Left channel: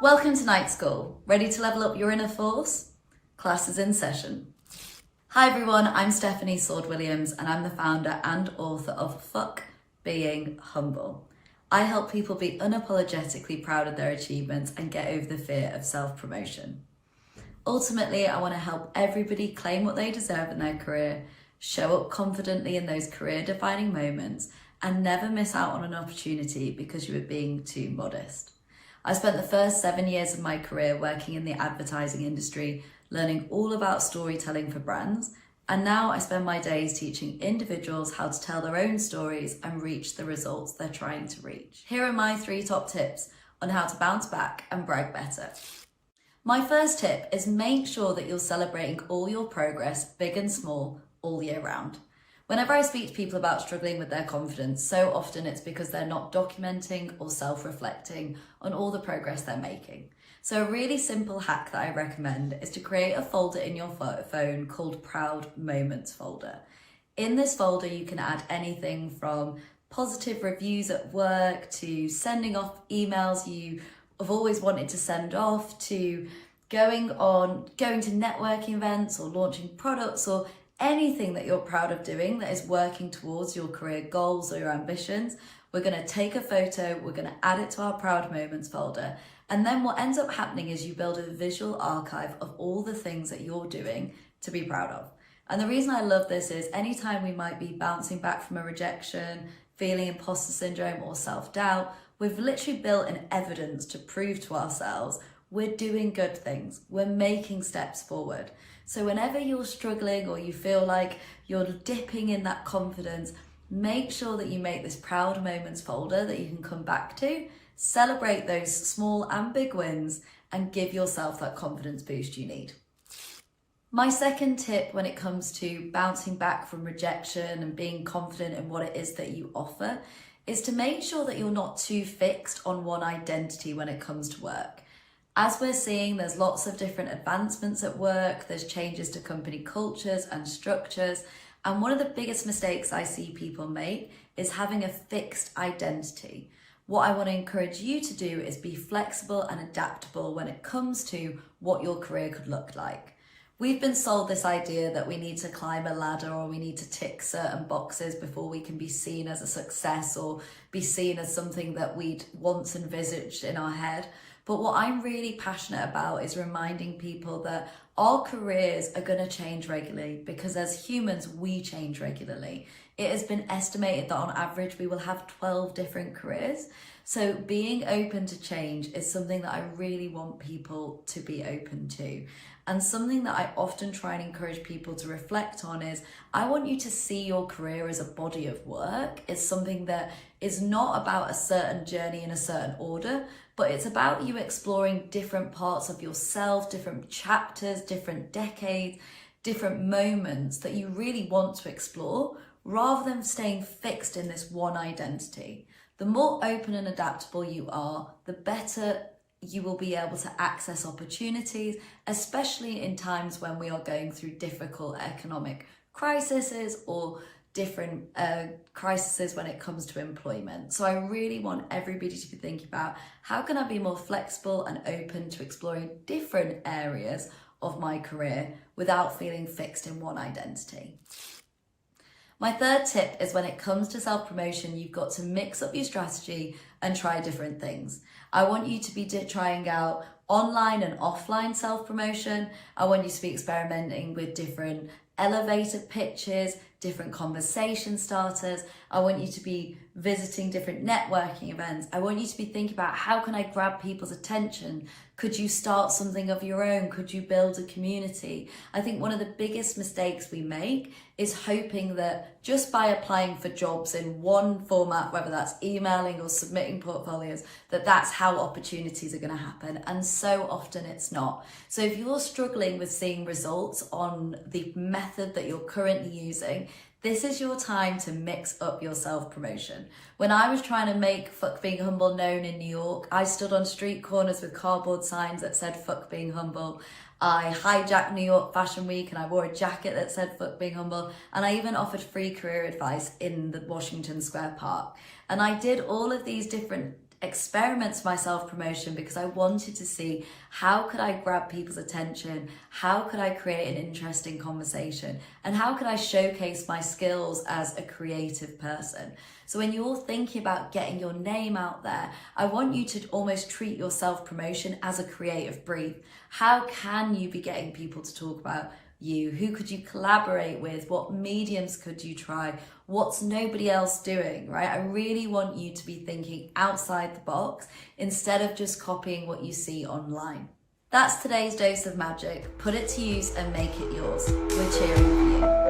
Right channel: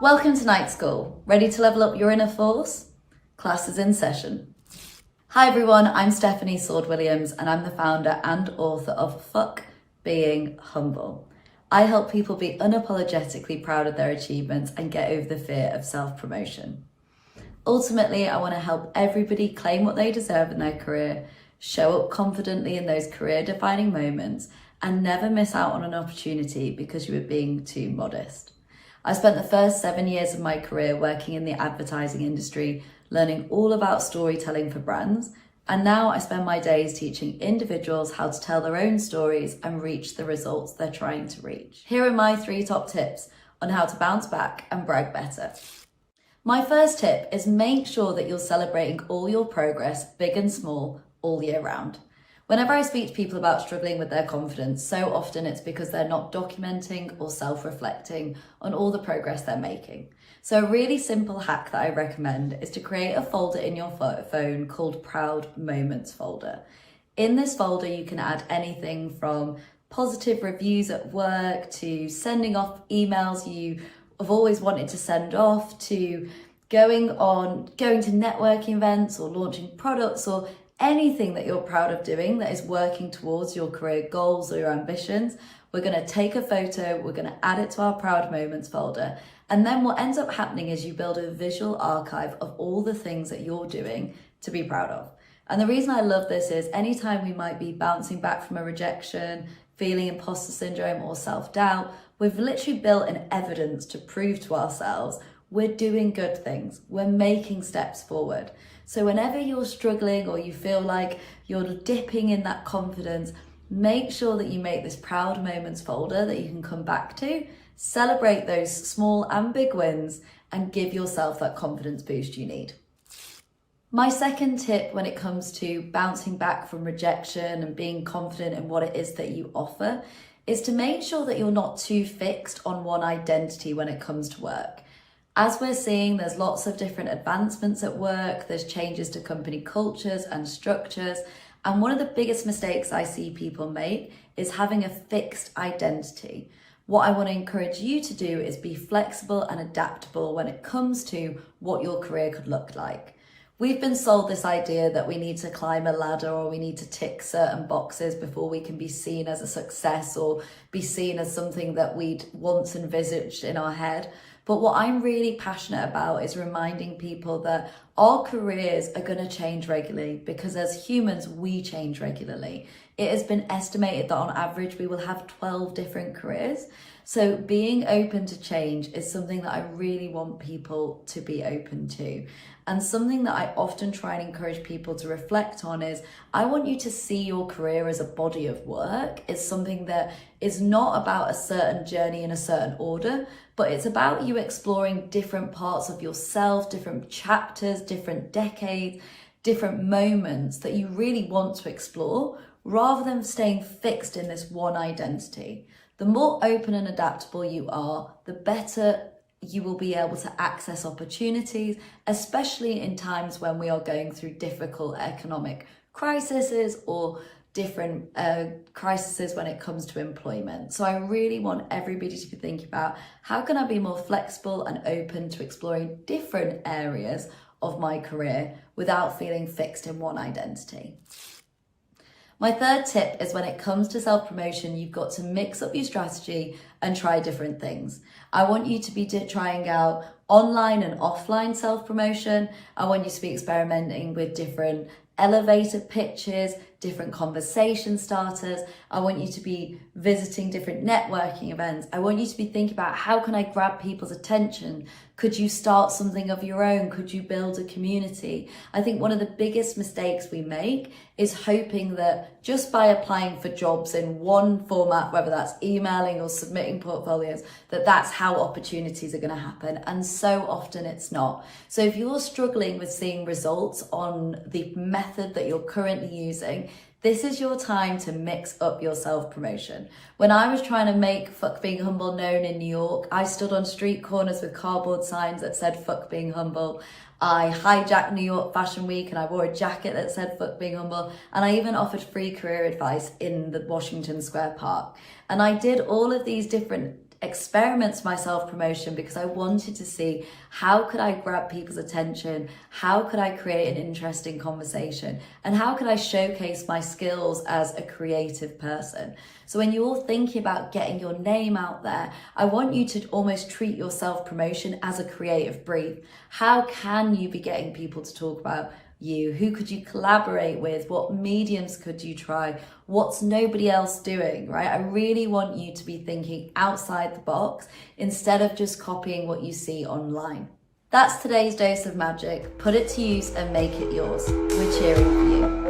Welcome to night school. Ready to level up your inner force? Class is in session. Hi everyone, I'm Stephanie Sword-Williams and I'm the founder and author of Fuck Being Humble. I help people be unapologetically proud of their achievements and get over the fear of self-promotion. Ultimately, I want to help everybody claim what they deserve in their career, show up confidently in those career-defining moments, and never miss out on an opportunity because you were being too modest. I spent the first 7 years of my career working in the advertising industry, learning all about storytelling for brands, and now I spend my days teaching individuals how to tell their own stories and reach the results they're trying to reach. Here are my 3 top tips on how to bounce back and brag better. My first tip is make sure that you're celebrating all your progress, big and small, all year round. Whenever I speak to people about struggling with their confidence, so often it's because they're not documenting or self-reflecting on all the progress they're making. So a really simple hack that I recommend is to create a folder in your phone called Proud Moments folder. In this folder, you can add anything from positive reviews at work to sending off emails you have always wanted to send off to going to networking events or launching products or anything that you're proud of doing that is working towards your career goals or your ambitions. We're going to take a photo, we're going to add it to our Proud Moments folder, and then what ends up happening is you build a visual archive of all the things that you're doing to be proud of. And the reason I love this is anytime we might be bouncing back from a rejection, feeling imposter syndrome or self-doubt, we've literally built an evidence to prove to ourselves we're doing good things, we're making steps forward. So whenever you're struggling or you feel like you're dipping in that confidence, make sure that you make this Proud Moments folder that you can come back to, celebrate those small and big wins, and give yourself that confidence boost you need. My second tip when it comes to bouncing back from rejection and being confident in what it is that you offer is to make sure that you're not too fixed on one identity when it comes to work. As we're seeing, there's lots of different advancements at work, there's changes to company cultures and structures, and one of the biggest mistakes I see people make is having a fixed identity. What I want to encourage you to do is be flexible and adaptable when it comes to what your career could look like. We've been sold this idea that we need to climb a ladder or we need to tick certain boxes before we can be seen as a success or be seen as something that we'd once envisaged in our head. But what I'm really passionate about is reminding people that our careers are going to change regularly because as humans, we change regularly. It has been estimated that on average, we will have 12 different careers. So being open to change is something that I really want people to be open to. And something that I often try and encourage people to reflect on is I want you to see your career as a body of work. It's something that is not about a certain journey in a certain order, but it's about you exploring different parts of yourself, different chapters, different decades, different moments that you really want to explore rather than staying fixed in this one identity. The more open and adaptable you are, the better you will be able to access opportunities, especially in times when we are going through difficult economic crises or different crises when it comes to employment. So I really want everybody to be thinking about how can I be more flexible and open to exploring different areas of my career without feeling fixed in one identity. My third tip is when it comes to self-promotion, you've got to mix up your strategy and try different things. I want you to be trying out online and offline self-promotion. I want you to be experimenting with different elevator pitches, different conversation starters. I want you to be visiting different networking events. I want you to be thinking about how can I grab people's attention? Could you start something of your own? Could you build a community? I think one of the biggest mistakes we make is hoping that just by applying for jobs in one format, whether that's emailing or submitting portfolios, that's how opportunities are going to happen. And so often it's not. So if you're struggling with seeing results on the method that you're currently using, this is your time to mix up your self-promotion. When I was trying to make Fuck Being Humble known in New York, I stood on street corners with cardboard signs that said Fuck Being Humble. I hijacked New York Fashion Week and I wore a jacket that said Fuck Being Humble. And I even offered free career advice in the Washington Square Park. And I did all of these different experiments my self-promotion because I wanted to see how could I grab people's attention, how could I create an interesting conversation, and how could I showcase my skills as a creative person. So when you're thinking about getting your name out there, I want you to almost treat your self-promotion as a creative brief. How can you be getting people to talk about you? Who could you collaborate with? What mediums could you try? What's nobody else doing, right? I really want you to be thinking outside the box instead of just copying what you see online. That's today's dose of magic. Put it to use and make it yours. We're cheering for you.